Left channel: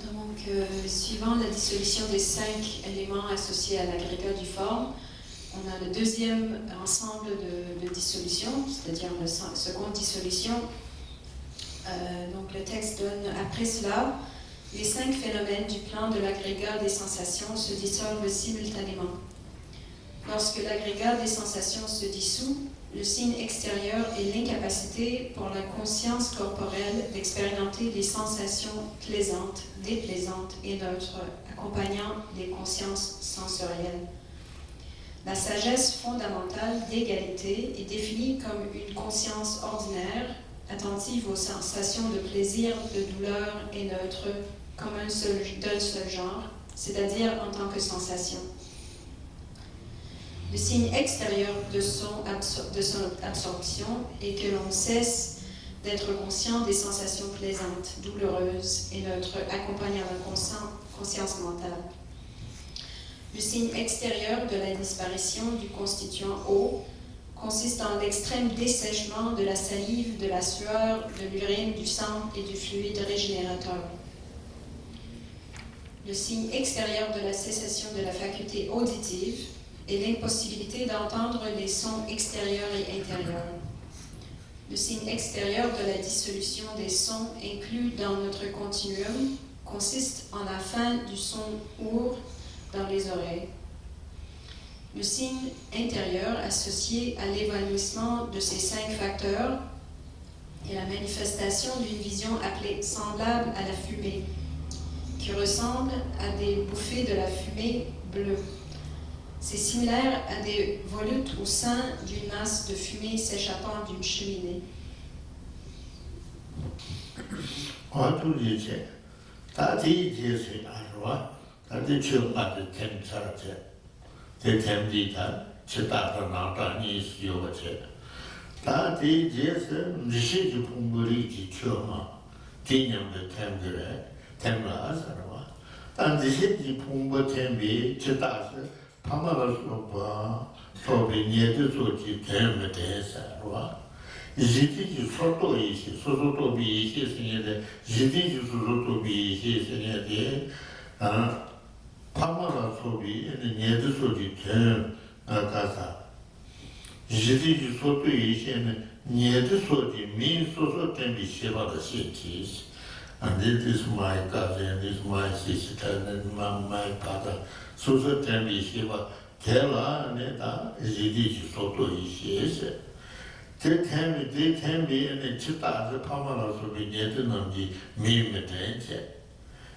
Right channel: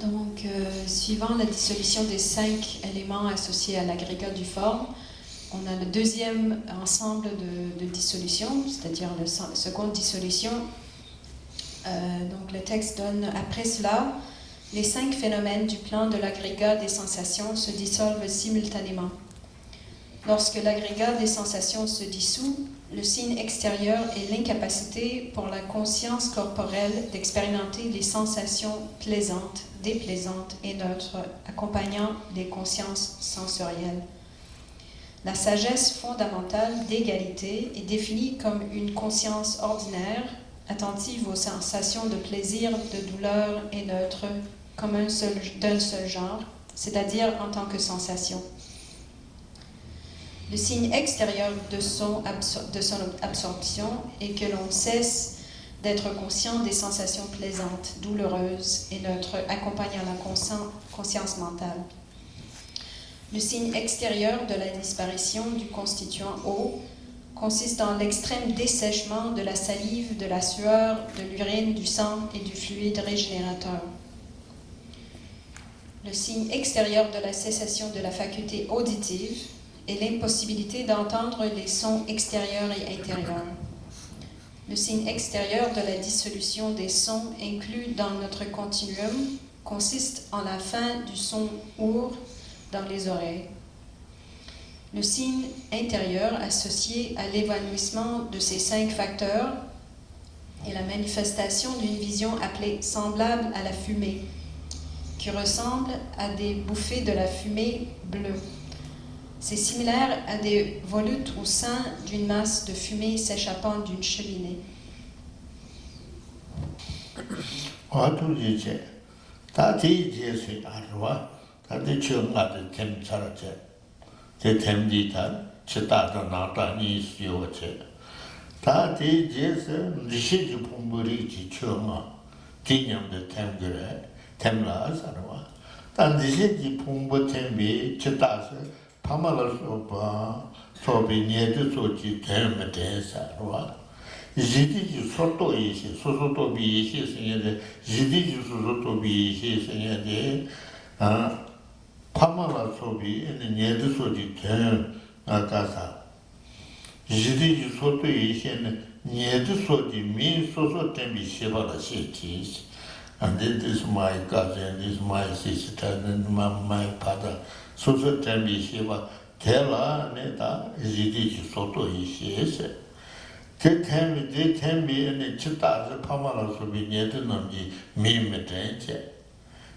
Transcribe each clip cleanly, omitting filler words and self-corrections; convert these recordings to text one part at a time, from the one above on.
Donc, suivant la dissolution des 5 éléments associés à l'agrégat du forme, on a le deuxième ensemble de dissolution, c'est-à-dire la seconde dissolution. Donc, le texte donne, après cela, les 5 phénomènes du plan de l'agrégat des sensations se dissolvent simultanément. Lorsque l'agrégat des sensations se dissout, le signe extérieur est l'incapacité pour la conscience corporelle d'expérimenter les sensations plaisantes, déplaisantes et neutres, accompagnant les consciences sensorielles. La sagesse fondamentale d'égalité est définie comme une conscience ordinaire, attentive aux sensations de plaisir, de douleur et neutre, comme d'un seul genre, c'est-à-dire en tant que sensation. Le signe extérieur de son absorption est que l'on cesse d'être conscient des sensations plaisantes, douloureuses et notre accompagnement conscience mentale. Le signe extérieur de la disparition du constituant eau consiste dans l'extrême dessèchement de la salive, de la sueur, de l'urine, du sang et du fluide régénérateur. Le signe extérieur de la cessation de la faculté auditive est l'impossibilité d'entendre les sons extérieurs et intérieurs. Le signe extérieur de la dissolution des sons inclus dans notre continuum consiste en la fin du son our dans les oreilles. Le signe intérieur associé à l'évanouissement de ces 5 facteurs est la manifestation d'une vision appelée semblable à la fumée, qui ressemble à des bouffées de la fumée bleue. C'est similaire à des volutes au sein d'une masse de fumée s'échappant d'une cheminée. Jidi soto ishi, soto bi ishi sinye, jidi soto bi ishi sinye, pamala sobi, nyedu sobi ten akasa. Jidi soto ishi, nyedu sobi, min soso tenbi shiva da shekis. And this is my cousin, this is my sister, and my father. Soso tenbi shiva, tela neta, jidi soto ishi. They can be in the Chita, the Pamalas of the Yedunami, Mimitanche.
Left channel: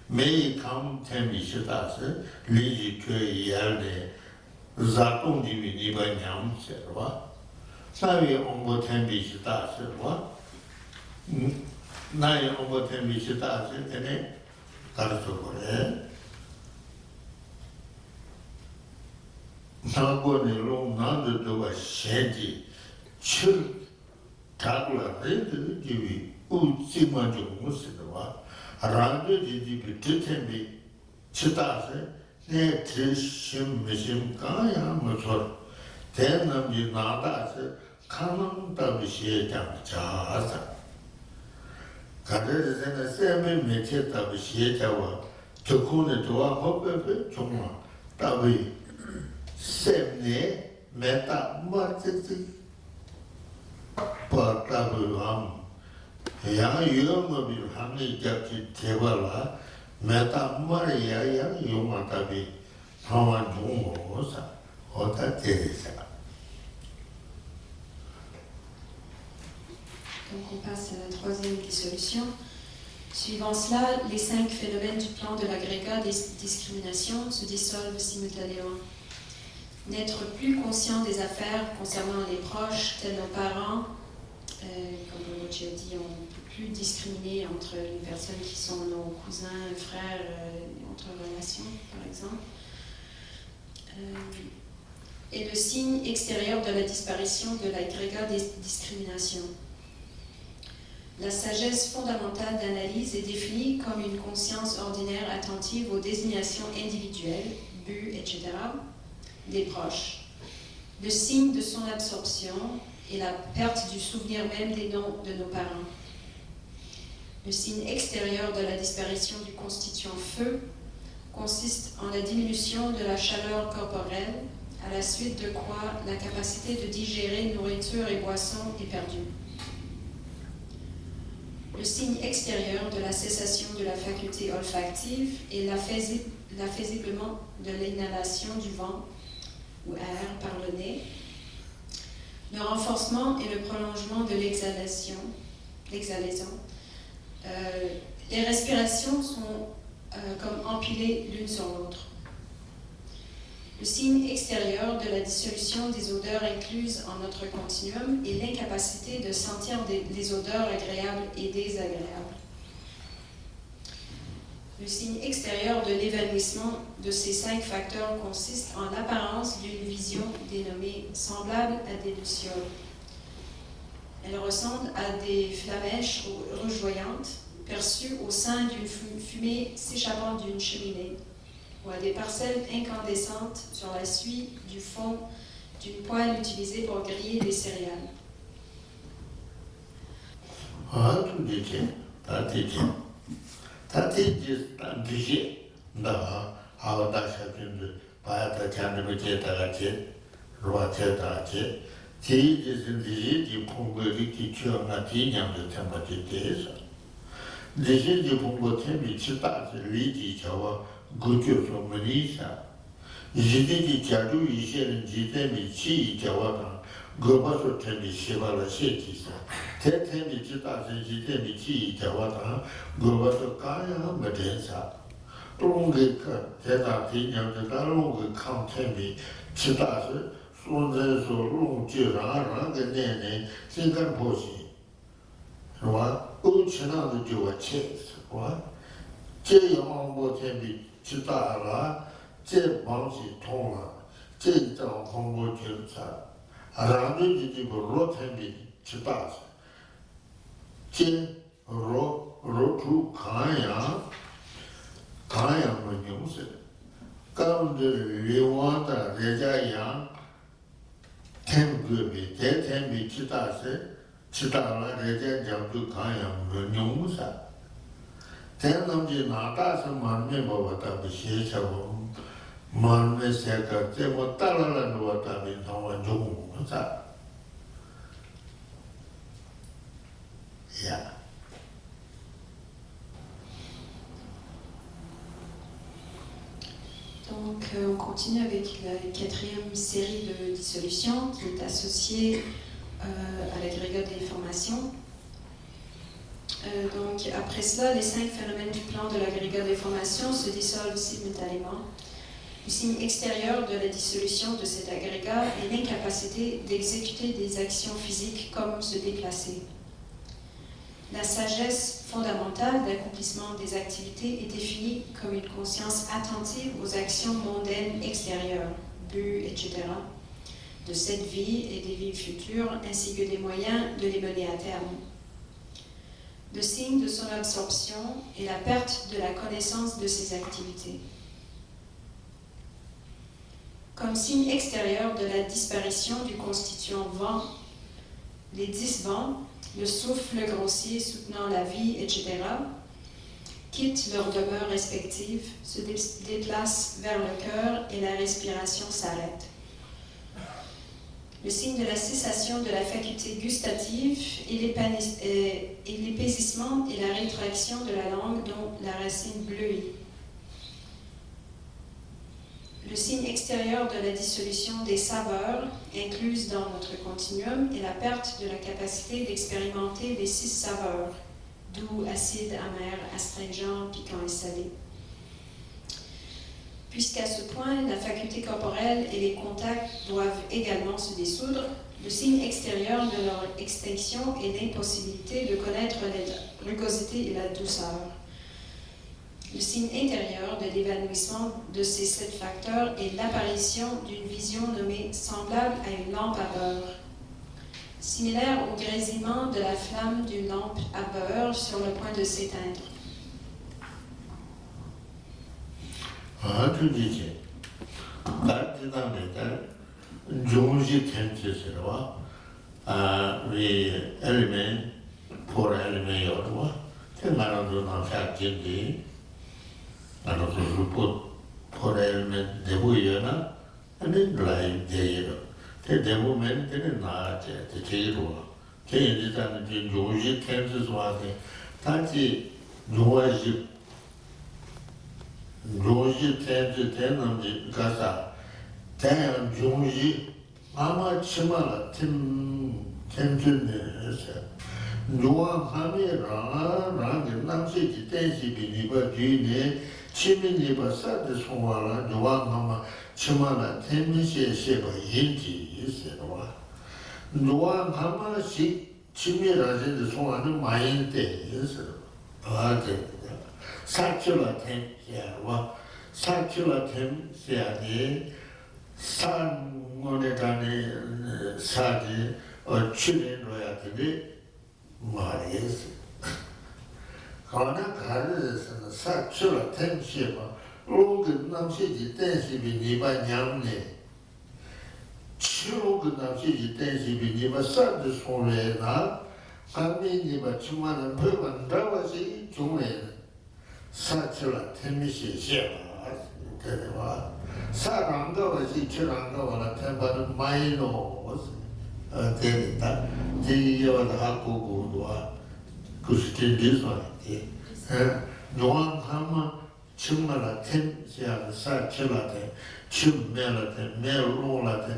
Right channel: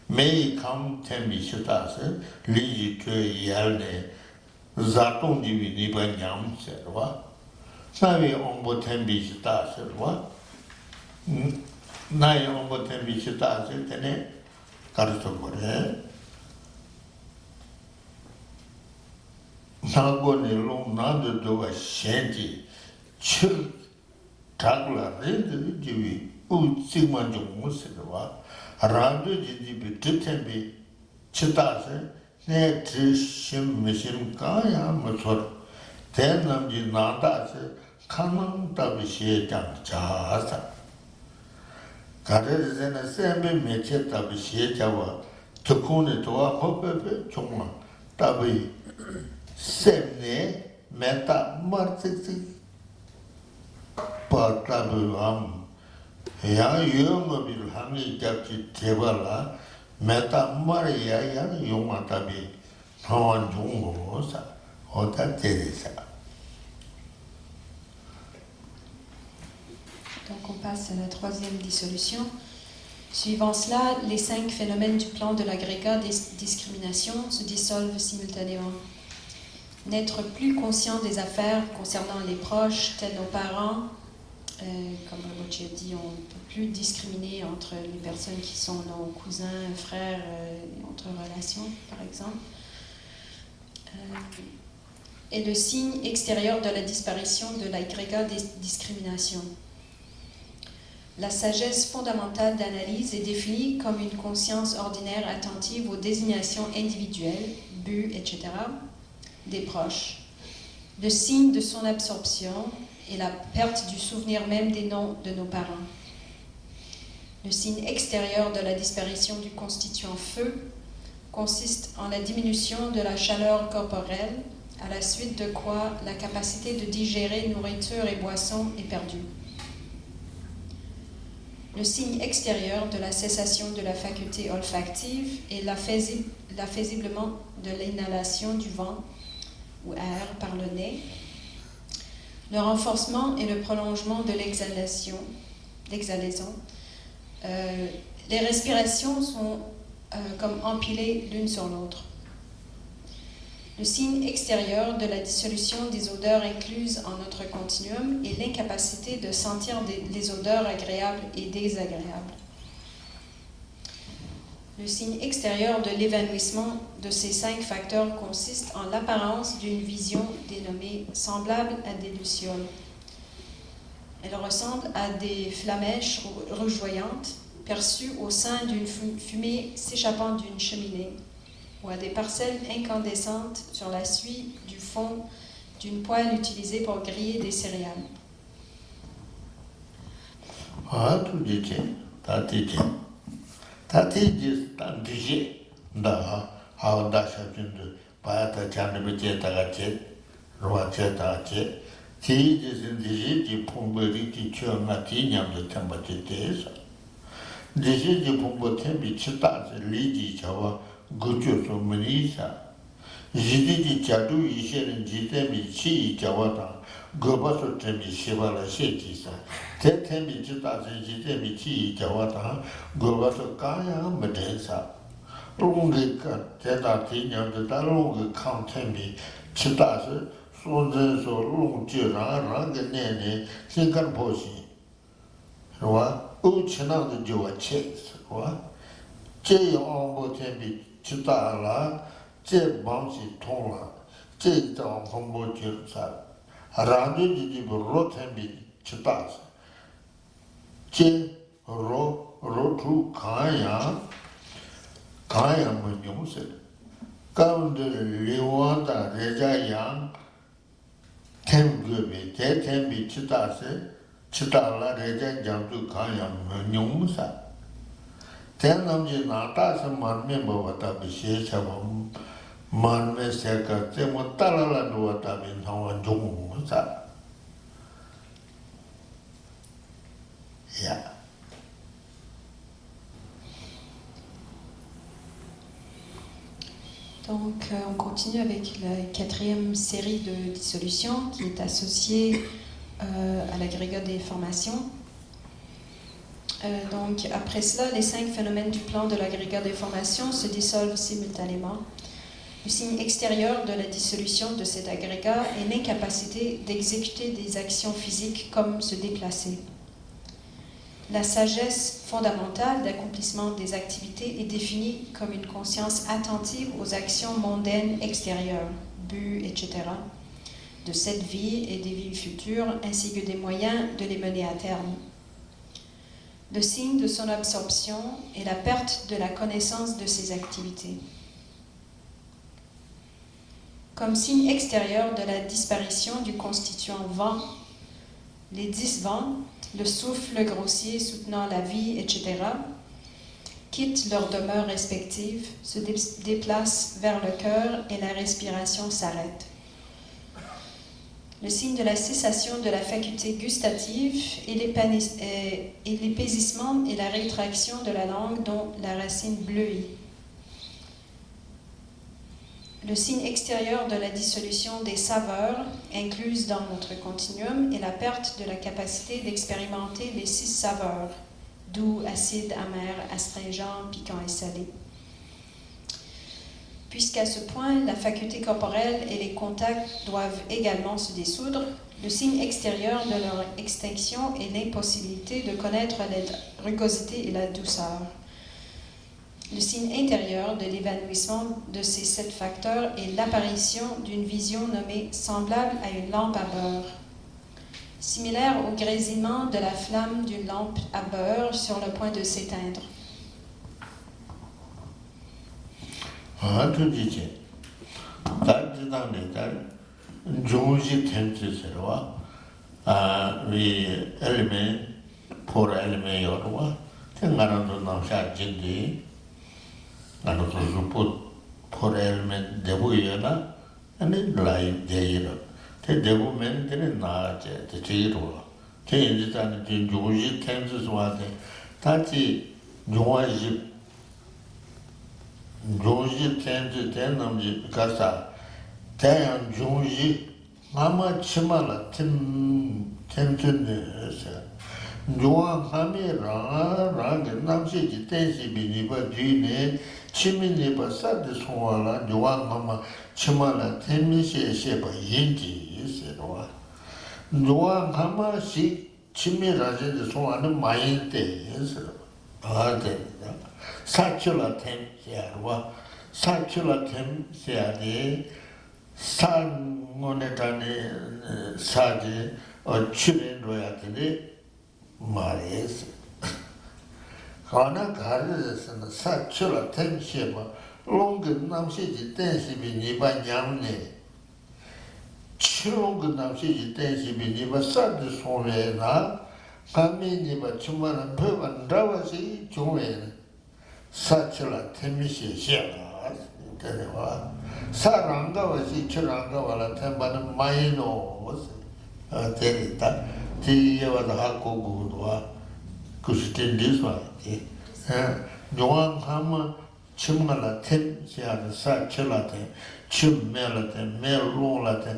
May come Temi Chitase, Liji to Yelde, Zakundi Nibanyam, said what? Navi Ombo Tembi Chitase, what? Nai Ombo Tembi Chitase, can it? Karsoko, eh? Nagoni long, none do a shanty. Chil Tagla, the Jivi, Utsimanjo Musidava, Aranda Jibi Titembi, Chitase, Ne Tishim Mishim Kaya Musor, Tenam Jinadase, Kanam Tabishi Jasa. Kader is in a semi Mechet Tabishi Java, Tukuni to a Hoppe, Chuma, Tabi, Semne, Meta, Martiti. Portabulam, young Yumabil Hami Gati Tevala, Meta Maria, young Yumatabi, Hawan Jungosa, Ota Teresa. Donc on passe à la troisième dissolution. Suivant cela, les 5 phénomènes du plan de l'agrégat des discriminations se dissolvent simultanément. N'être plus conscient des affaires concernant les proches, tels nos parents, comme Olochi a dit, on ne peut plus discriminer entre les personnes qui sont nos cousins, frères, entre relations, par exemple. Et le signe extérieur de la disparition de l'agrégat des discriminations. La sagesse fondamentale d'analyse est définie comme une conscience ordinaire attentive aux désignations individuelles, buts, etc., des proches. Le signe de son absorption est la perte du souvenir même des noms de nos parents. Le signe extérieur de la disparition du constituant feu consiste en la diminution de la chaleur corporelle, à la suite de quoi la capacité de digérer nourriture et boissons est perdue. Le signe extérieur de la cessation de la faculté olfactive est l'affaissement de l'inhalation du vent ou air par le nez, le renforcement et le prolongement de l'exhalaison. Les respirations sont comme empilées l'une sur l'autre. Le signe extérieur de la dissolution des odeurs incluses en notre continuum est l'incapacité de sentir des odeurs agréables et désagréables. Le signe extérieur de l'évanouissement de ces 5 facteurs consiste en l'apparence d'une vision dénommée semblable à des lucioles. Elles ressemblent à des flamèches rougeoyantes perçues au sein d'une fumée s'échappant d'une cheminée ou à des parcelles incandescentes sur la suie du fond d'une poêle utilisée pour griller des céréales. Ah, tout dit, t'as dit. T'as dit, t'as dit, da, ah, da, c'est une, pas ta canne, t'as dit, roi, t'as dit. Qui des di pomberi qui tu as matin de tambatete. Des di pombote bi chita li di chawa gujo so menisa. Jidi di chadu ishe jite mi chi chawa ta goba so temi shiva la sheki sa. Tete mi chita jite mi chi chawa ta goba so kaya medensa. Longe ka teta tinya de ta longe kan temi chita se 说这说弄就让个年年先干保险，是吧？够吃那个就要吃，是吧？这样我天比吃大了，这忙是痛了，这张风我就啥，然后你这个老天比吃大，这肉出看呀没用是，刚的流亡的人家养。 tembe te tembe chitala rete jambu kaya nyungsa tenam je nata sa manme bhavata vishesha manme seka te mutala novata vinhawa jungsa yeah. Donc, on continue avec la quatrième série de dissolution qui est associée à l'agrégat des formations. Donc, après cela, les 5 phénomènes du plan de l'agrégat des formations se dissolvent simultanément. Le signe extérieur de la dissolution de cet agrégat est l'incapacité d'exécuter des actions physiques comme se déplacer. La sagesse fondamentale d'accomplissement des activités est définie comme une conscience attentive aux actions mondaines extérieures, buts, etc., de cette vie et des vies futures, ainsi que des moyens de les mener à terme. Le signe de son absorption est la perte de la connaissance de ces activités. Comme signe extérieur de la disparition du constituant vent, les 10 vents, le souffle grossier soutenant la vie, etc., quittent leurs demeures respectives, se déplacent vers le cœur et la respiration s'arrête. Le signe de la cessation de la faculté gustative et l'épaisissement et la rétraction de la langue dont la racine bleuit. Le signe extérieur de la dissolution des saveurs, incluses dans notre continuum, est la perte de la capacité d'expérimenter les 6 saveurs, doux, acide, amer, astringent, piquant et salé. Puisqu'à ce point, la faculté corporelle et les contacts doivent également se dissoudre, le signe extérieur de leur extinction est l'impossibilité de connaître la rugosité et la douceur. Le signe intérieur de l'évanouissement de ces 7 facteurs est l'apparition d'une vision nommée semblable à une lampe à beurre, similaire au grésillement de la flamme d'une lampe à beurre sur le point de s'éteindre. 나도 그 포레면 대부여나 아니 라인 대여 대 대부면 되는 나한테 대지로 대인지다는 조지 텐스 좋아하네 다시 조지 텐스 되는 가사 대한 조지 마마 치마라 텐텐드네서 노아하네라 라게 남시지 텐시 비니바 뒤네 치민이바 사드 송와라 노아마마 치마라 텐미시에시바 인지 있어요. 노아마마시 치미라제 송와는 마인데에서 아데 사초라 텐야와 사초라 텐야데 산원에 단에 사지 출연료야들이 말이었어. 가나 가르에서는 사출을 템시고 롱근 남시지 댄시비 니바 냠네 치롱근 남시지 댄시비 니바 사드 소메나 아미니바 주만은 법은 라바시 종에 사출을 템시 시야가 되와 사랑가와시 출랑가와라 템바는 마이노 되다 뒤에와도 하고고도와 그스텐디스와 용왕하면 정말라 텐시아는 사출라테 춤멜라테 멜로라테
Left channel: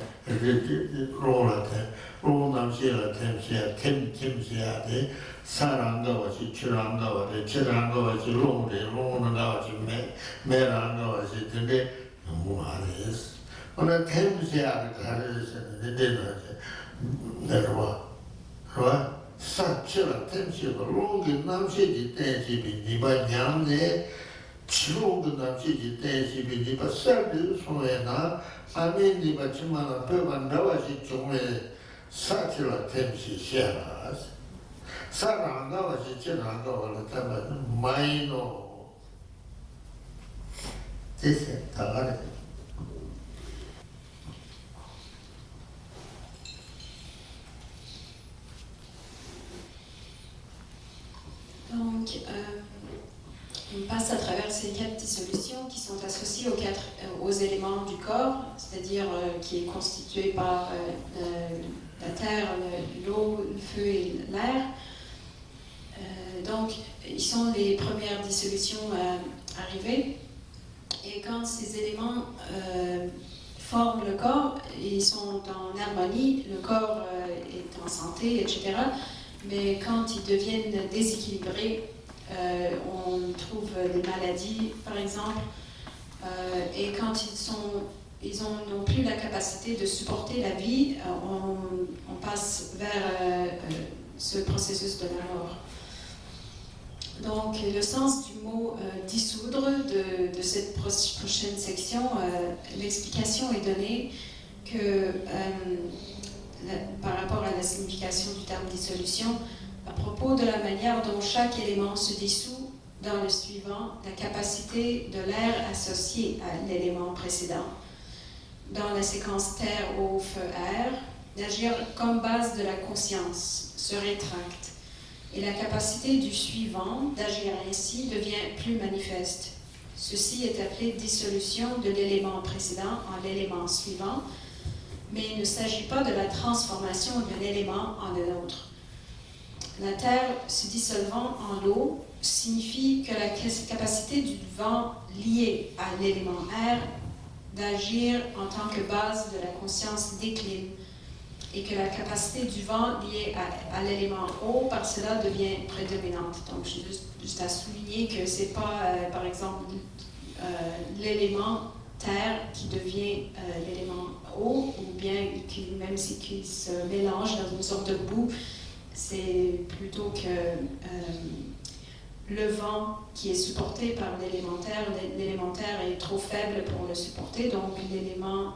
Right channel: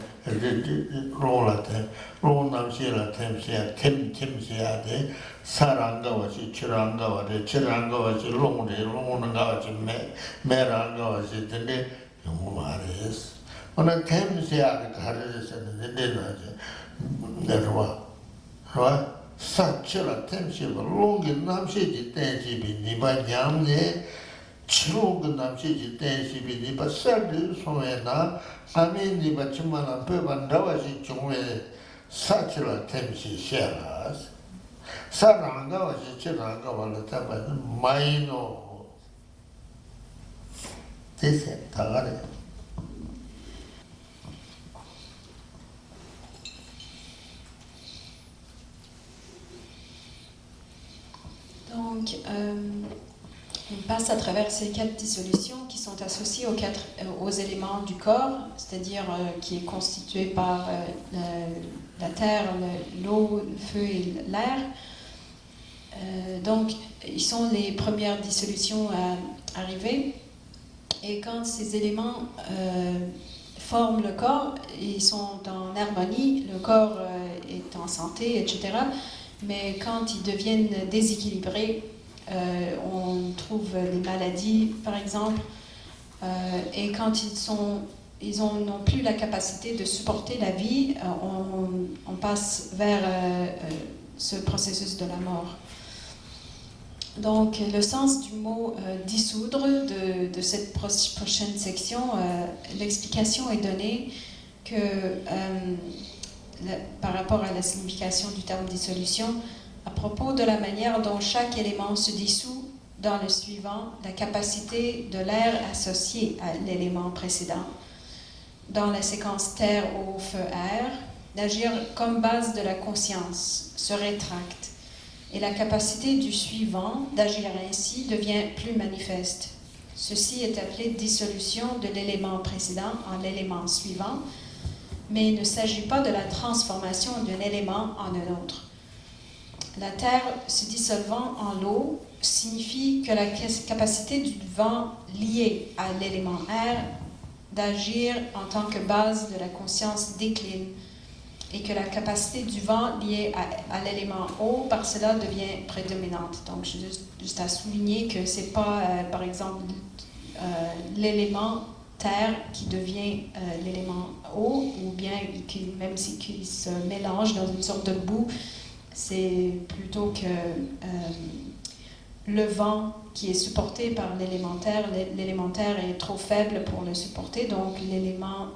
롤라테 롤남시라테 템시아 템시아데 사랑가와시 출랑가와데 출랑가와시 롱가와시 메랑가와시 되게 너무 알았어. 오늘 템시아를 가르쳤는데 내려와 사치라 템시가 롱기 남시지 댄시비 니바 냥네 치롱기 남시지 댄시비 니바 쌀드 소에나 아멘 니바 주마나 배반 나와시 종에 사치라 템시 샤 사랑가와시 치랑가와라 타면 마이노 됐어 다가래. Donc, on passe à travers ces 4 dissolutions qui sont associées aux éléments du corps, c'est-à-dire qui est constitué par la terre, l'eau, le feu et l'air. Donc, ils sont les premières dissolutions à arriver. Et quand ces éléments forment le corps, ils sont en harmonie, le corps est en santé, etc. Mais quand ils deviennent déséquilibrés, on trouve des maladies, par exemple, et quand ils n'ont plus la capacité de supporter la vie, on passe vers ce processus de la mort. Donc, le sens du mot dissoudre de cette prochaine section, l'explication est donnée que par rapport à la signification du terme dissolution, à propos de la manière dont chaque élément se dissout dans le suivant, la capacité de l'air associé à l'élément précédent, dans la séquence terre, eau, feu, air, d'agir comme base de la conscience, se rétracte, et la capacité du suivant d'agir ainsi devient plus manifeste. Ceci est appelé dissolution de l'élément précédent en l'élément suivant, mais il ne s'agit pas de la transformation d'un élément en un autre. La terre se dissolvant en l'eau signifie que la capacité du vent lié à l'élément air d'agir en tant que base de la conscience décline et que la capacité du vent liée à l'élément eau par cela devient prédominante. Donc, juste à souligner que ce n'est pas, par exemple, l'élément terre qui devient l'élément eau, ou bien même qu'il se mélange dans une sorte de boue, c'est plutôt que le vent qui est supporté par l'élémentaire est trop faible pour le supporter, donc l'élément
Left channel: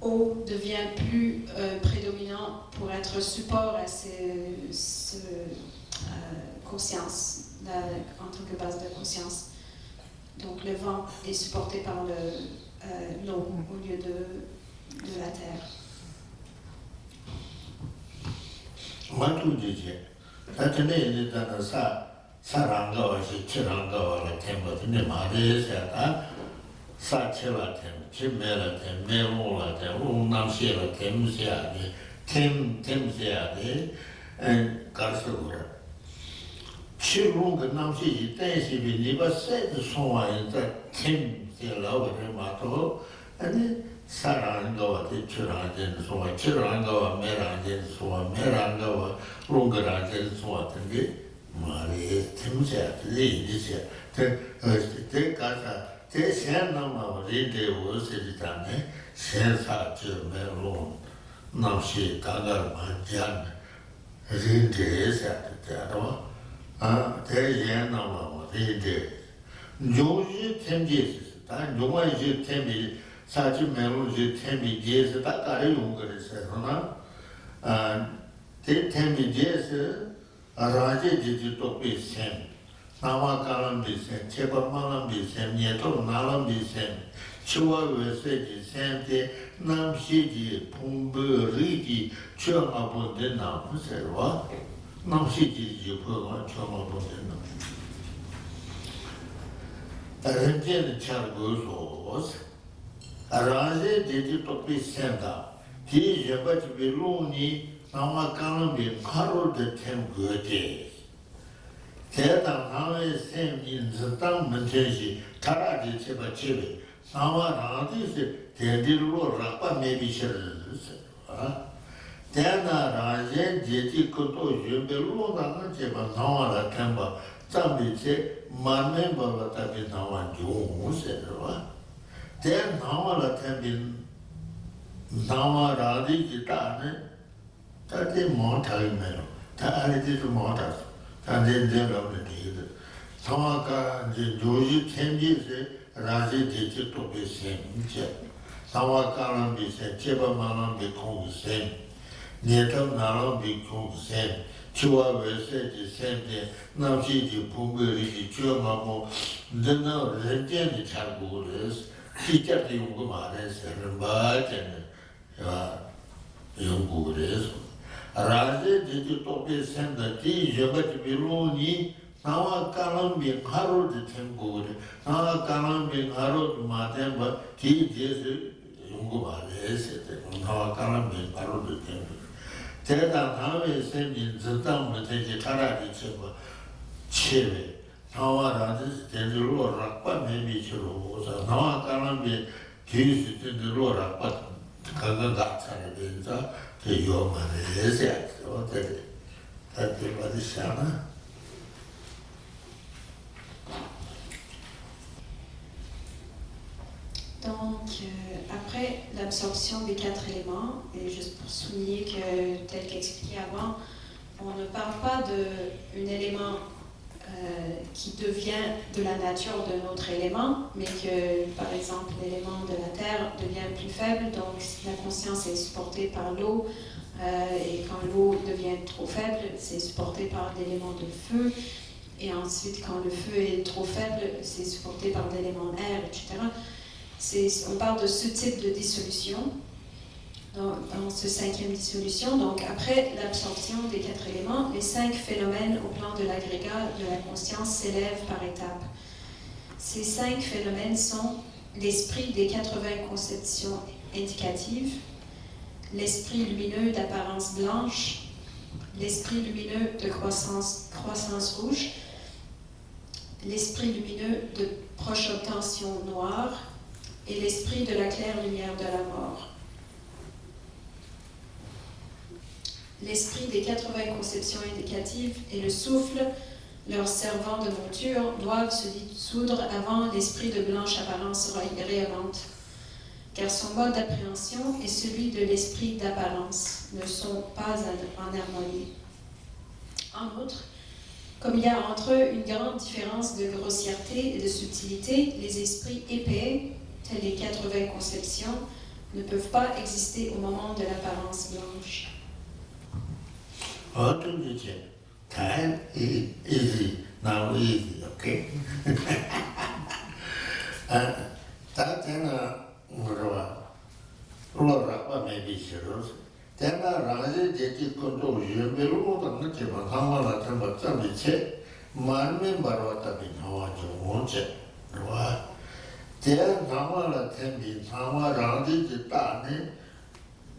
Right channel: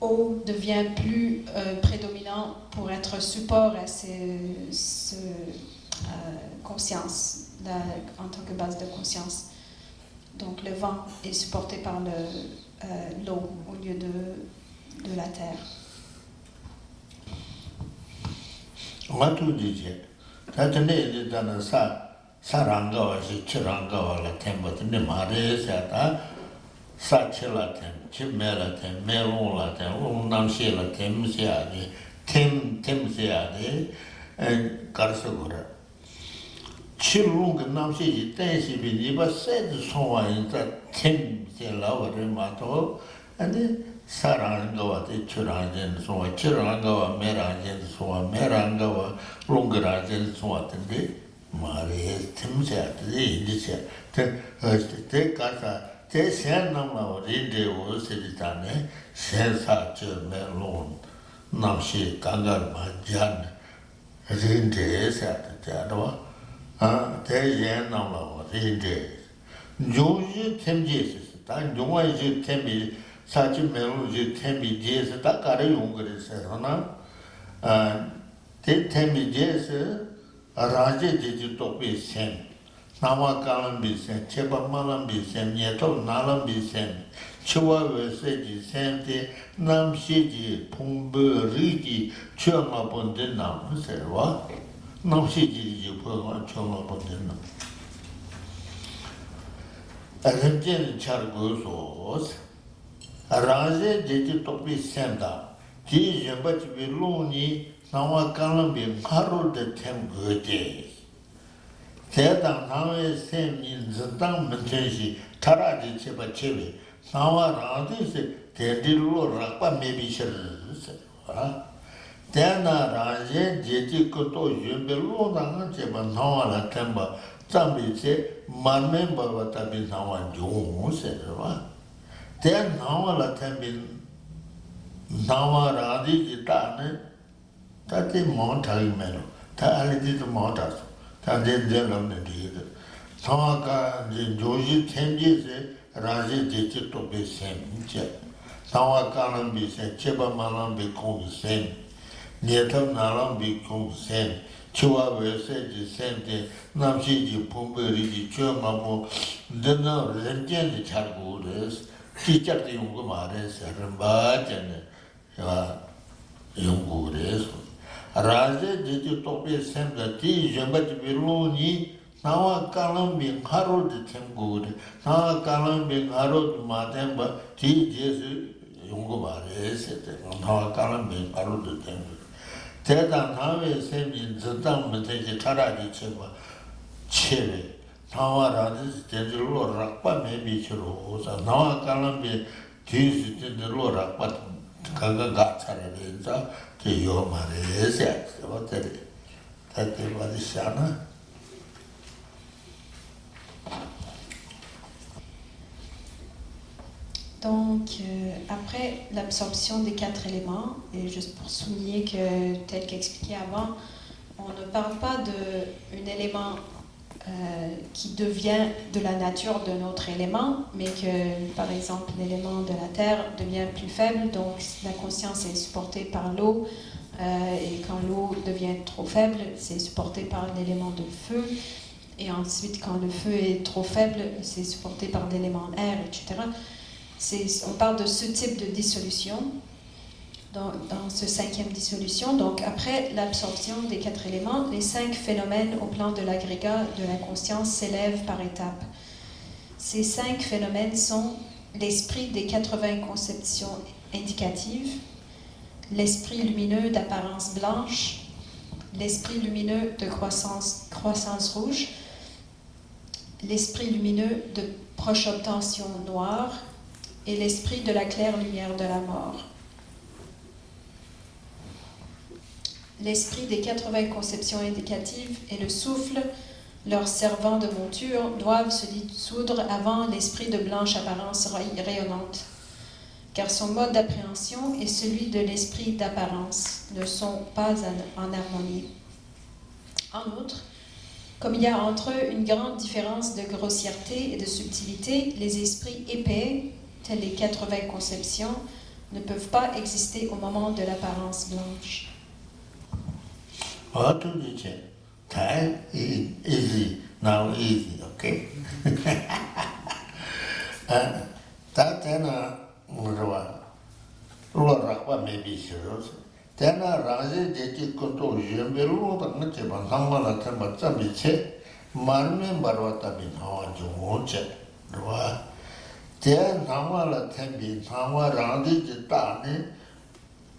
eau devient plus prédominant pour être support à cette conscience, en tant que base de conscience. Donc le vent est supporté par l'eau au lieu de la terre. 치롱은 남시 댄시비 니바 세드 소와인자 템제라고 마토 아니 사랑하는 거와 대출하는 소와 치료하는 거와 매라는 소와 매라는 거와 롱그라는 소와 같은데 말에 템제들이 이제 그 가사 대세나마 리데 오스리다네 세사처럼 롱 남시 강가만 jan 린데서 되더라 대연나마 리데 요지 템제스 다 용화지 템이 사치 메모지 템비제스 다 가려운 거랬어요. 템비제스 라제 지지토피 셈 나와가는 비셈 제발만한 비셈 예토 나란 비셈 치와웨세지 셈데 남시지 풍부리지 처마 본데 남세와 남시지 보고 처마 본데 아렌제는 차고소 라제 지지토피 셈다 지지바지 빌로니 나와가는 비 카로데 템거데 대단 나의 셈인 저당 문제시 타라지 제바 제베 사와라디스 대딜로 라빠 메비셔르스 대나 라제 제지코도 유벨로 나는 제바 나와라 템바 잠비제 만멤버가 답이 나와 용세르와 대 나와라 템빈 나와라디 기타네 다들 못하면 다 알지도 못하죠. 다들 저러는 데들. 상황가 조지 텐지스 라지 제지도 비생제. 상황가는 비생 제바만은 비공생. 니에터 나랑 비공생. 치와 외세지 생데 남시지 풍거리지 처음하고 너는 렌젠이 자고 그래서 기자도 용거 말해서 맞잖아요. 연구를 해서 라제 제주 토페 셈다 디 제바지 빌로니 나와 까는 카로드 템고리 나와 까는 카로드 마템바 디 제스 연구 말해서 나와 까는 카로드 템고 대단 하회 셈인 전당 문제지 카라지 쳐봐 치레 나와 라제 제주로 락바 메미치로 오사 나와 까는 뒤스 제주로 락바 강강 같아야 된다. 그 요만에 해서 어때? 다들 받으시나? Donc, après l'absorption des 4 éléments, et juste pour souligner que, tel qu'expliqué avant, on ne parle pas d'un élément qui devient de la nature de notre élément, mais que, par exemple, l'élément de la terre devient plus faible, donc la conscience est supportée par l'eau, et quand l'eau devient trop faible, c'est supporté par l'élément de feu, et ensuite, quand le feu est trop faible, c'est supporté par l'élément air, etc. On parle de ce type de dissolution dans ce 5e dissolution. Donc, après l'absorption des 4 éléments, les 5 phénomènes au plan de l'agrégat de la conscience s'élèvent par étapes. Ces 5 phénomènes sont l'esprit des 80 conceptions indicatives, l'esprit lumineux d'apparence blanche, l'esprit lumineux de croissance rouge, l'esprit lumineux de proche obtention noire et l'esprit de la claire lumière de la mort. L'esprit des 80 conceptions indicatives et le souffle, leur servant de monture, doivent se dissoudre avant l'esprit de blanche apparence rayonnante, car son mode d'appréhension et celui de l'esprit d'apparence ne sont pas en harmonie. En outre, comme il y a entre eux une grande différence de grossièreté et de subtilité, les esprits épais, tels les 80 conceptions, ne peuvent pas exister au moment de l'apparence blanche. 어떤 주제? time is easy, now easy, okay? 다 때나 뭐라 로라과 메비시로 때나 라지 제지 것도 유별로 당는 제가 상관을 좀 맞자 미체 만면 바로다 비 나와죠 못체 로와 대 나와라 템비 상와라디 지다네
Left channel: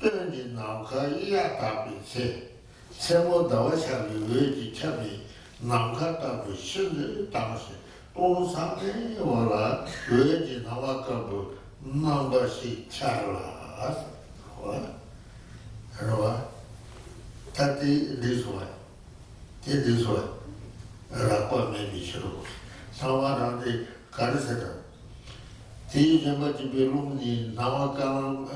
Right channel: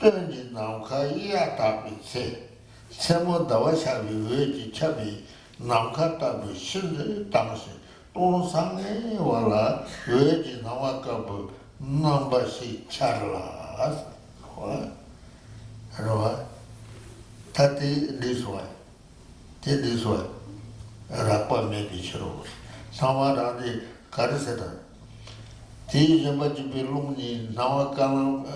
때는 나가 이야다 비체 세모 다와샤비 외지 차비 남카다비 신의 당시 또 상에 와라 외지 나와가고 남바시 차라 와 타티 리스와 테리스와 라파 메비시로 사와라데 가르세다 디제바지 벨롱니 나와가는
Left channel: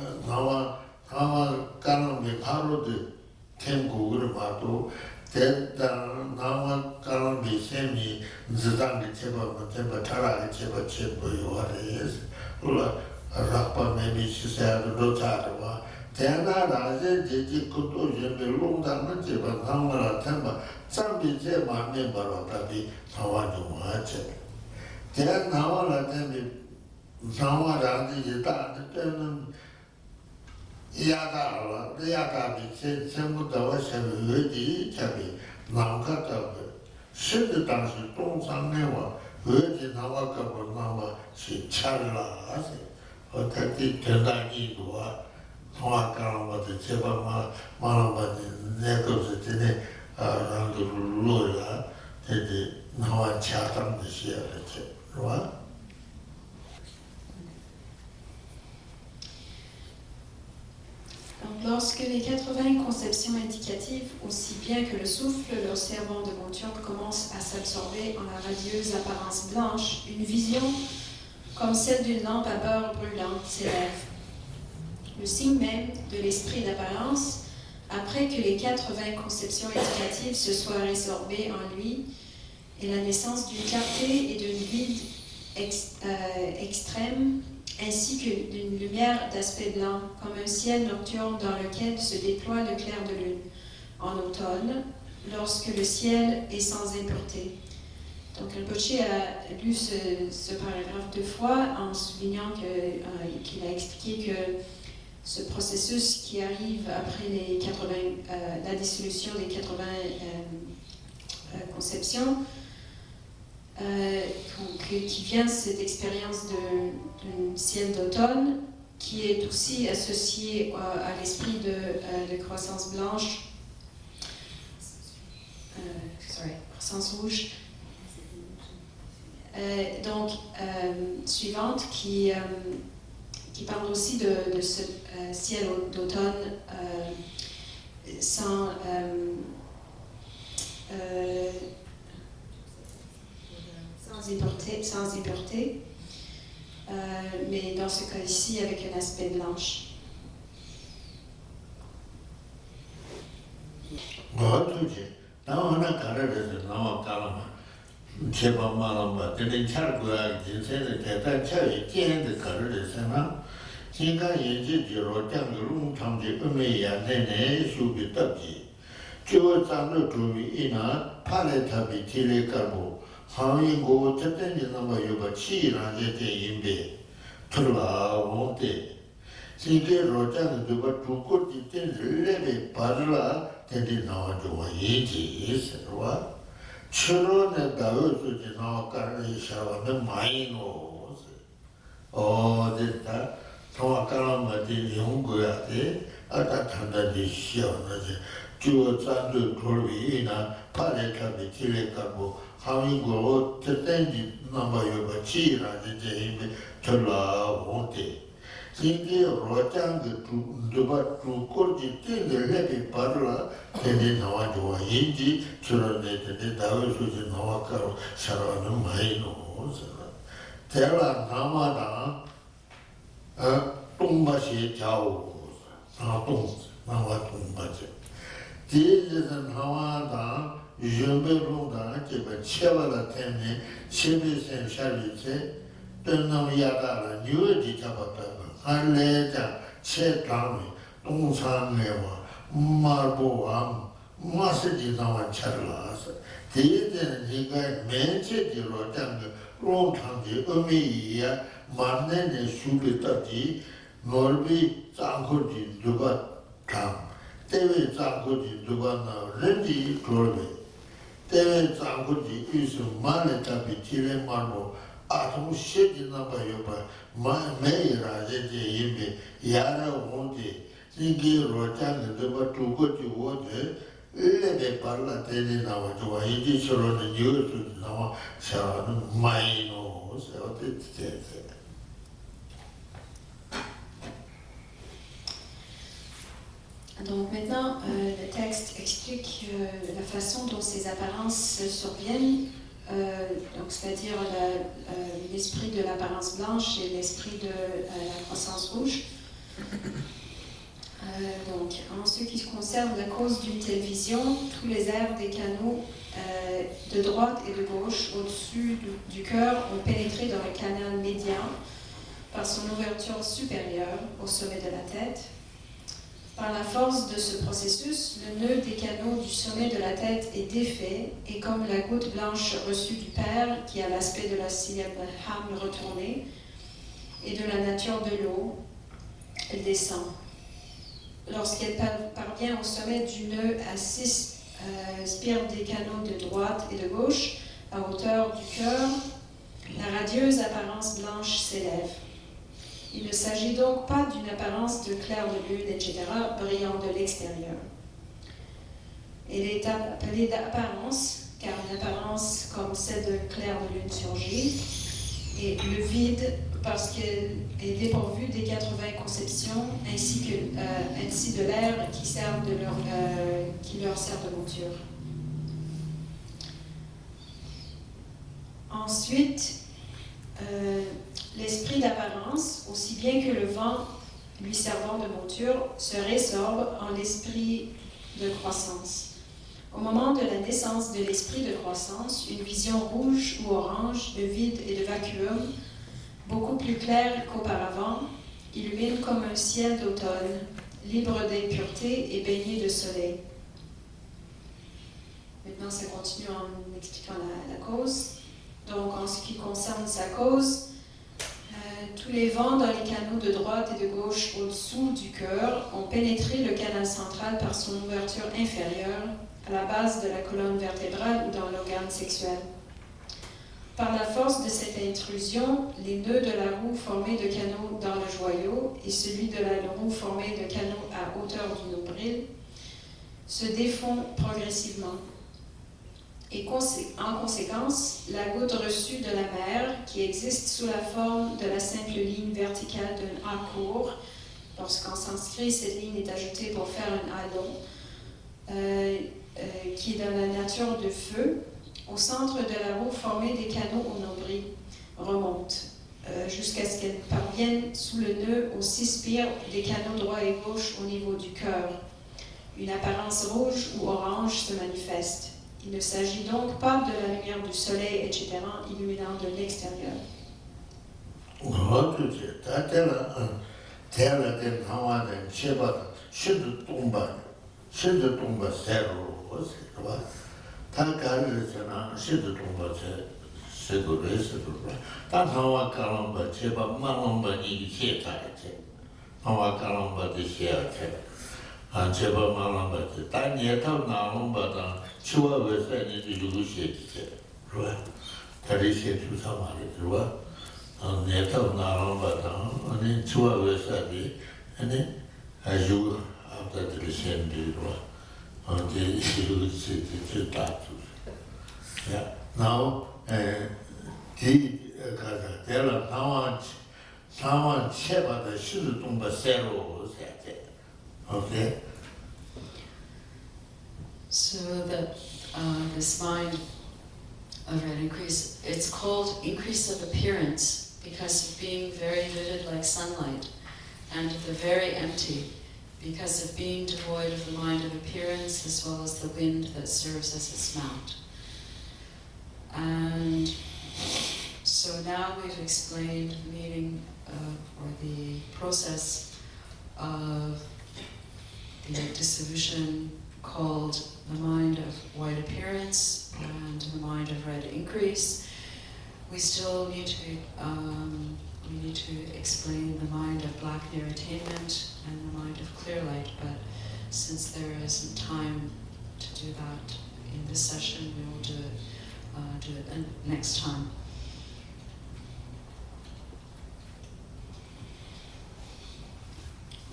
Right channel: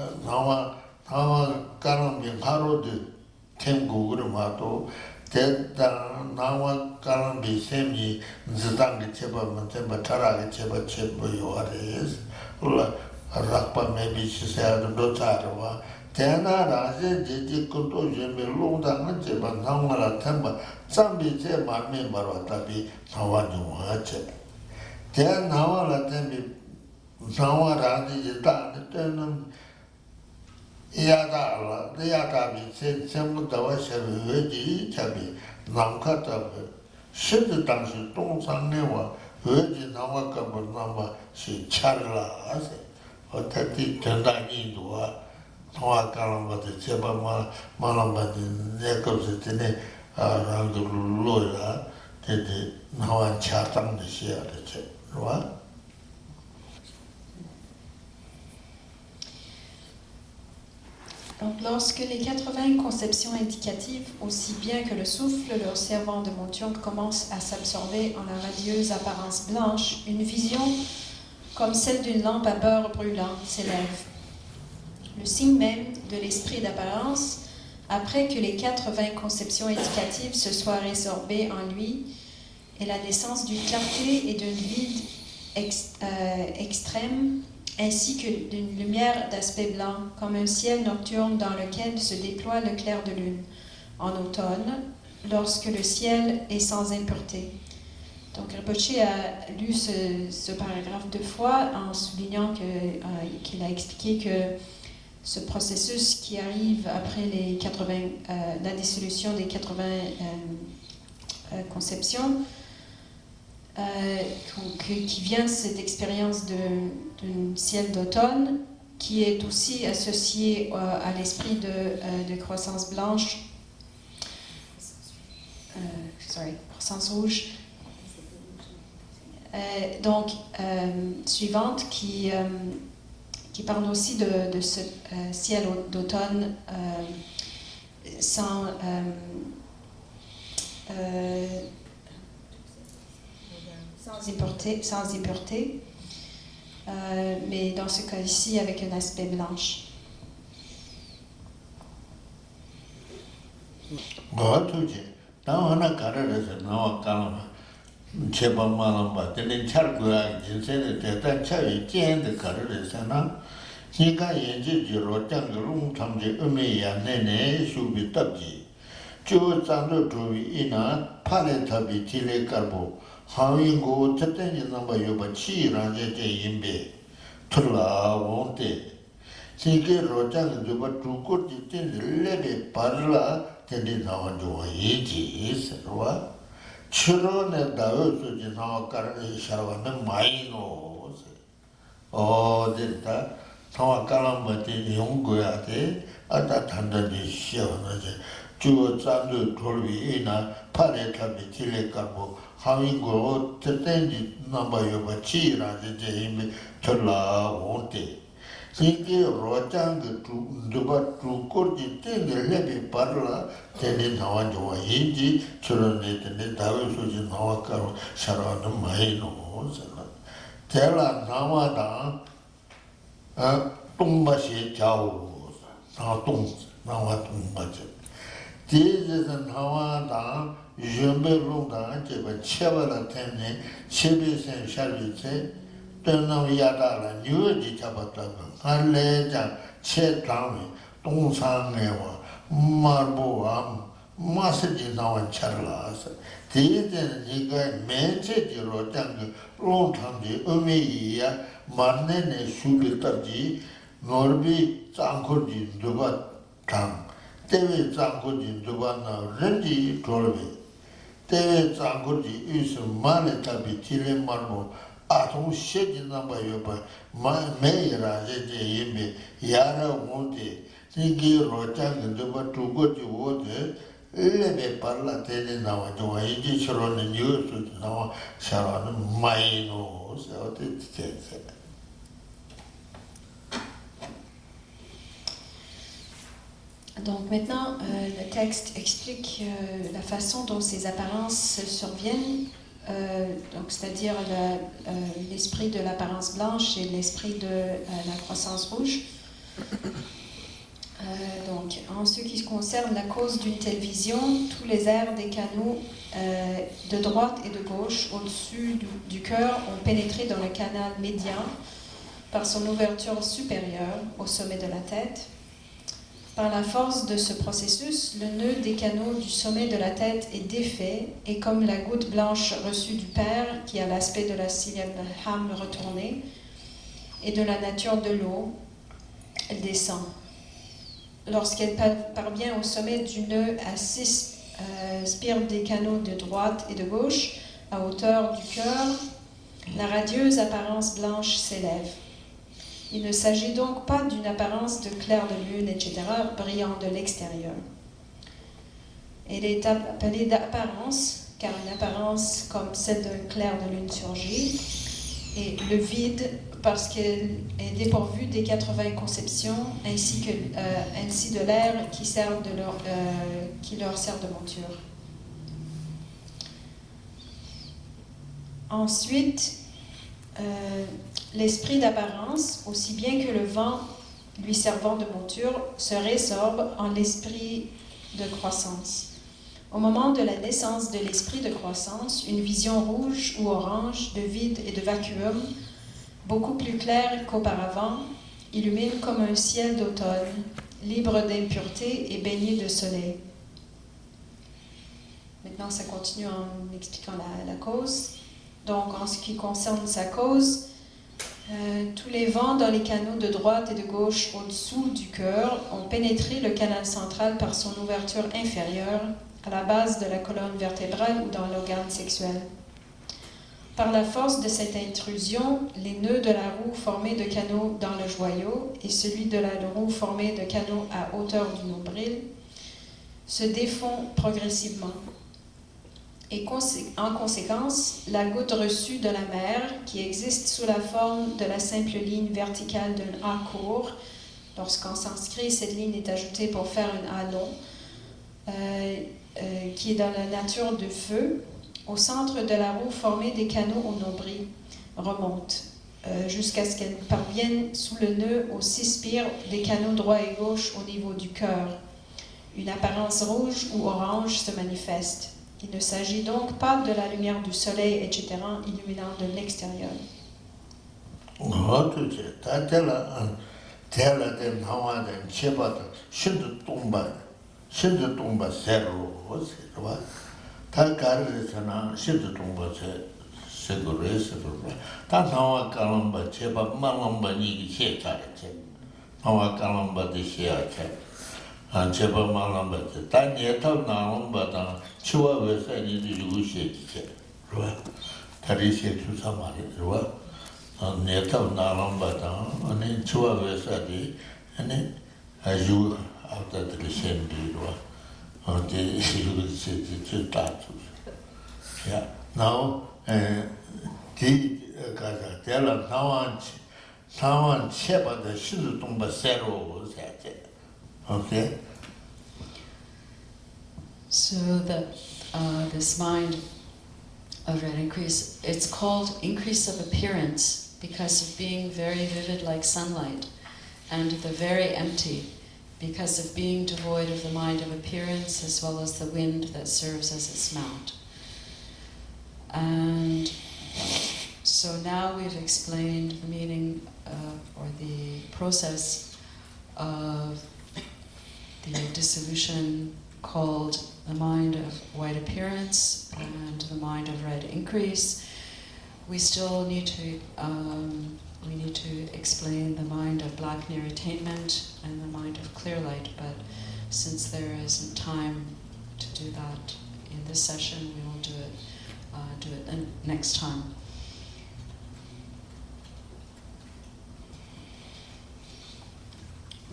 바로드 템고를 봐도 대단 나와가는 비셈이 지당이 제법은 템바 타라게 제법 요하레스 몰라 Rakpa maybe she said, Dotarva, Tana Raja, Jiji Kuto, Jimmy Lunda, Jiba, Namara Temba, Sambi Jema, Mimaro, Tabi, Hawaju Hache. Then Havala Tembi, Nawara, Jitan, Yadala, the Yadabi, Semu Dawasha, Yuji, Tabi, Namkata, Shit Dance, Dong Newa, Yuji Nawaka, Nama, she Charla, 어떻게 대단히 좋아. 통화가는 것도 제발 말한 것도 내것을 때문에 랑도 로야 이제 나와 차담도 시야 되죠. 좋아. Donc, lorsque les 80 conceptions indicatives, aussi bien que le souffle, le serment de Montium, commencent à s'absorber en la radieuse apparence blanche, une vision comme celle d'une lampe à beurre brûlante s'élève. Le signe même de l'esprit d'apparence, après que les 80 conceptions éducatives se soient résorbées en lui, est la naissance d'une clarté et d'un vide extrême, ainsi que d'une lumière d'aspect blanc, comme un ciel nocturne dans lequel se déploie le clair de lune, en automne, lorsque le ciel est sans impureté. Donc, Rinpoche a lu ce paragraphe 2 fois en soulignant qu'il a expliqué que ce processus qui arrive après la dissolution des 80 conceptions, qui vient de cette expérience du ciel d'automne, qui est aussi associé à l'esprit de croissance blanche, croissance rouge. Suivante, qui parle aussi de ce ciel d'automne sans impureté, mais dans ce cas ici avec un aspect blanche. 제방만은 되는 차고야 제세를 대단 차이 젠데 가르잖아. 니가 연지로 장로 장제 의미 안되네 수비 답지. 저 장로 주위 이나 팔레탑이 지레가고 하위고 뜻대니 넘어 여바 치라는 제 인베 틀라 온데 세계로 장로 저 두고 있는 레베 바르라 된지 나와줘 인지 있어와 처론에 나오지 나와가는 샤워는 많이 놓어. 됐다. 나와가는 것들이 연구해야 돼. 아까 단단히 시원하지. 주어 짠도 돌위나 팔에탑에 길에가고 하위고 뜻된지 넘어요가 치라지 이제 들라온데. 세계 로장도 누가 두고지 때문에 바르라 되는 나와줘 인지 처론에 다우소지 나와가로 살아는 많이 놓으잖아. 대라 나와다 똥맛이 좌우 나와 똥맛이 뒤에서 나와다 유명로다 제가 채워라 때문에 세비생 샤리체 떠나면 야가라 뉴어지 잡았다. 한래자 채당이 동상내와 말보와 마스지 나와 차라서 대대는 이가 맨체지로 장기 롱탕지 의미야 만내는 수비까지 넓이 짱코지 누가 당 때문에 짱코지 누가 나 렌지 돌비 때문에 짱코지 이수 만에 답이 지레 말보 아동 시지 나봐요 봐 매일아 제제 이미 야나 온데 이게 로장은 누가 두고지 오데 레베 발라 되는 나와 좋아 이제 서로는 뉴스 나와 샤는 마이노 어떻게 Donc maintenant, le texte explique la façon dont ces apparences surviennent, donc c'est-à-dire l'esprit de l'apparence blanche et l'esprit de la croissance rouge. Donc, en ce qui concerne la cause d'une telle vision, tous les airs des canaux de droite et de gauche au-dessus du cœur ont pénétré dans le canal médian par son ouverture supérieure au sommet de la tête. Par la force de ce processus, le nœud des canaux du sommet de la tête est défait et comme la goutte blanche reçue du Père, qui a l'aspect de la syllabe Ham retournée, et de la nature de l'eau, elle descend. Lorsqu'elle parvient au sommet du nœud à 6 spires des canaux de droite et de gauche, à hauteur du cœur, la radieuse apparence blanche s'élève. Il ne s'agit donc pas d'une apparence de clair de lune, etc., brillant de l'extérieur. Elle est appelée d'apparence, car une apparence comme celle d'un clair de lune surgit, et le vide, parce qu'elle est dépourvue des 80 conceptions, ainsi de l'air qui leur sert de monture. Ensuite, l'esprit d'apparence, aussi bien que le vent lui servant de monture, se résorbe en l'esprit de croissance. Au moment de la naissance de l'esprit de croissance, une vision rouge ou orange de vide et de vacuum, beaucoup plus claire qu'auparavant, illumine comme un ciel d'automne, libre d'impureté et baigné de soleil. Maintenant, ça continue en expliquant la cause. Donc, en ce qui concerne sa cause, tous les vents dans les canaux de droite et de gauche au-dessous du cœur ont pénétré le canal central par son ouverture inférieure, à la base de la colonne vertébrale ou dans l'organe sexuel. Par la force de cette intrusion, les nœuds de la roue formés de canaux dans le joyau et celui de la roue formé de canaux à hauteur du nombril se défont progressivement. Et en conséquence, la goutte reçue de la mer, qui existe sous la forme de la simple ligne verticale d'un A court, lorsqu'en sanskrit cette ligne est ajoutée pour faire un A long, qui est dans la nature de feu, au centre de la roue formée des canaux au nombril, remonte jusqu'à ce qu'elle parvienne sous le nœud aux 6 spires des canaux droit et gauche au niveau du cœur. Une apparence rouge ou orange se manifeste. Il ne s'agit donc pas de la lumière du soleil, etc., illuminant de l'extérieur. 치와 외세니 리루시에 그와 다리세 주사 말이죠. 내가 나랑바다 아니 치와 외세니 아니 아주 앞다들이 신들과 어디 이루시지 주다주. 야, now 디 가자 대라 상황 체바의 신동과 새로 세제. 오케이. So that this mind of an increase, it's called increase of appearance because of being very vivid like sunlight, and the very empty because of being devoid of the mind of appearance as well as the wind that serves as its mount. And so now we've explained the meaning or the process of the dissolution called the mind of white appearance and the mind of red increase. We still need to explain the mind of black near attainment and the mind of clear light, but since there isn't time to do that in this session, we will do it the next time.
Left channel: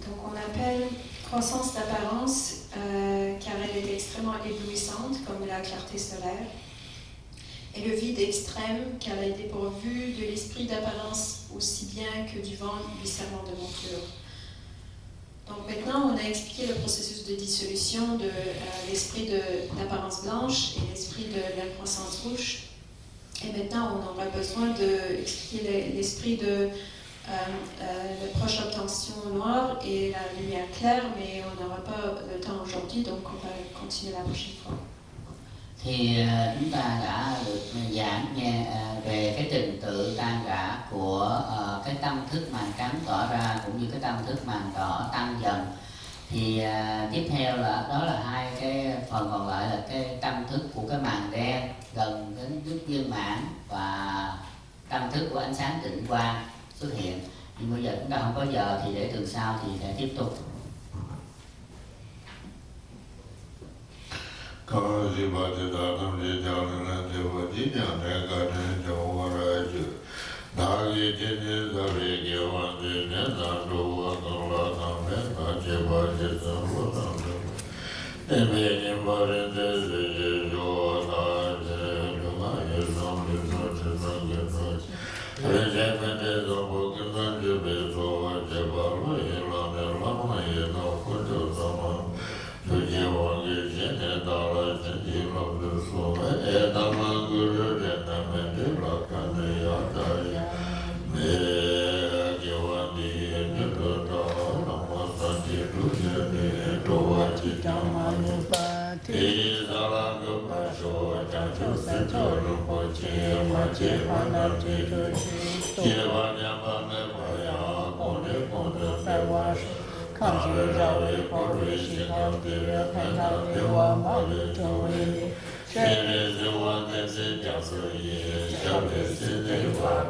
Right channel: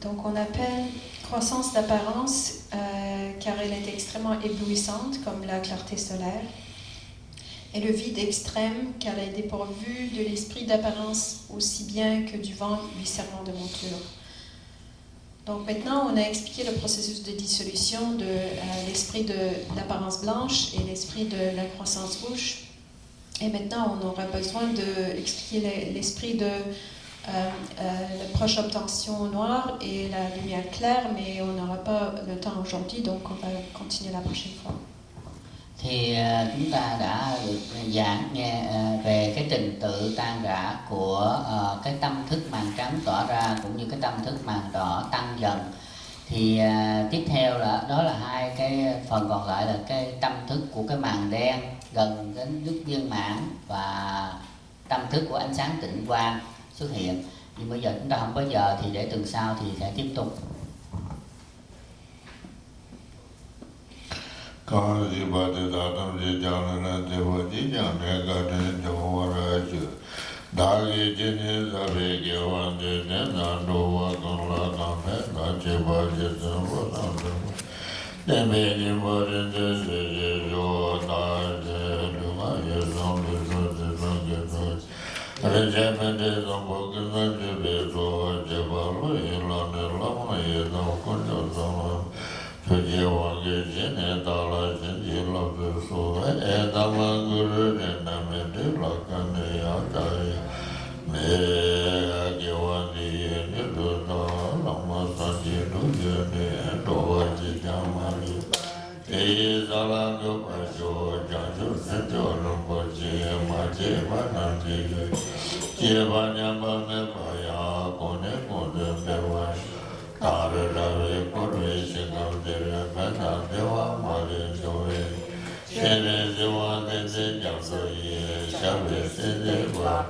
Donc on appelle croissance d'apparence car elle est extrêmement éblouissante comme la clarté solaire, et le vide extrême car elle est dépourvue de l'esprit d'apparence aussi bien que du vent lui servant de monture. Donc maintenant on a expliqué le processus de dissolution de l'esprit d'apparence blanche et l'esprit de la croissance rouge, et maintenant on aura besoin d'expliquer l'esprit de la proche obtention noire et la lumière claire, mais on n'aura pas le temps aujourd'hui, donc on va continuer la prochaine fois. Thì chúng ta đã được giảng nghe về cái trình tự tan rã của cái tâm thức màn trắng tỏ ra cũng như cái tâm thức màn đỏ tăng dần. Thì tiếp theo là đó là hai cái phần còn lại là cái tâm thức của cái màn đen gần đến đức viên mãn và tâm thức của ánh sáng tịnh quang xuất hiện. Nhưng bây giờ chúng ta không có giờ thì để tuần sau thì sẽ tiếp tục. Có gì mà để ta tâm lý chẳng là để vô đi nhà mẹ cả nên cho họ ra chứ. Đã ghi trên như ta về kêu anh để nên là đồ vô tổng là tổng nên là chế bà chế tổng vô tổng nên. Nên về nhìn vô đến chế chế chế đồ ta chế đồ mà yếu tổng để cho chế tổng để cho. Rồi chế men để tổng vô kinh nên chế bế đồ chế bà lo yên làm để làm mà yếu tổng có cho tổng. Chế vô nghe chế nên ta là chế chế lo bế số. Ta là guru để nằm để lo căn để ya đại. Nè kêu anh đi nên đồ nó làm sao chế đồ chế nè đồ chế chẳng hay. Thế ta là cái bài cho chẳng chút sẽ cho nó có chế mà chế mà năng chế chế mà nhà mà nè phải à con nè con được phải vào. Ta là ra về con về sẽ gặp để mà ta để vào mà để rồi. Thế nên cho anh để chẳng rồi sẽ về sẽ để vào.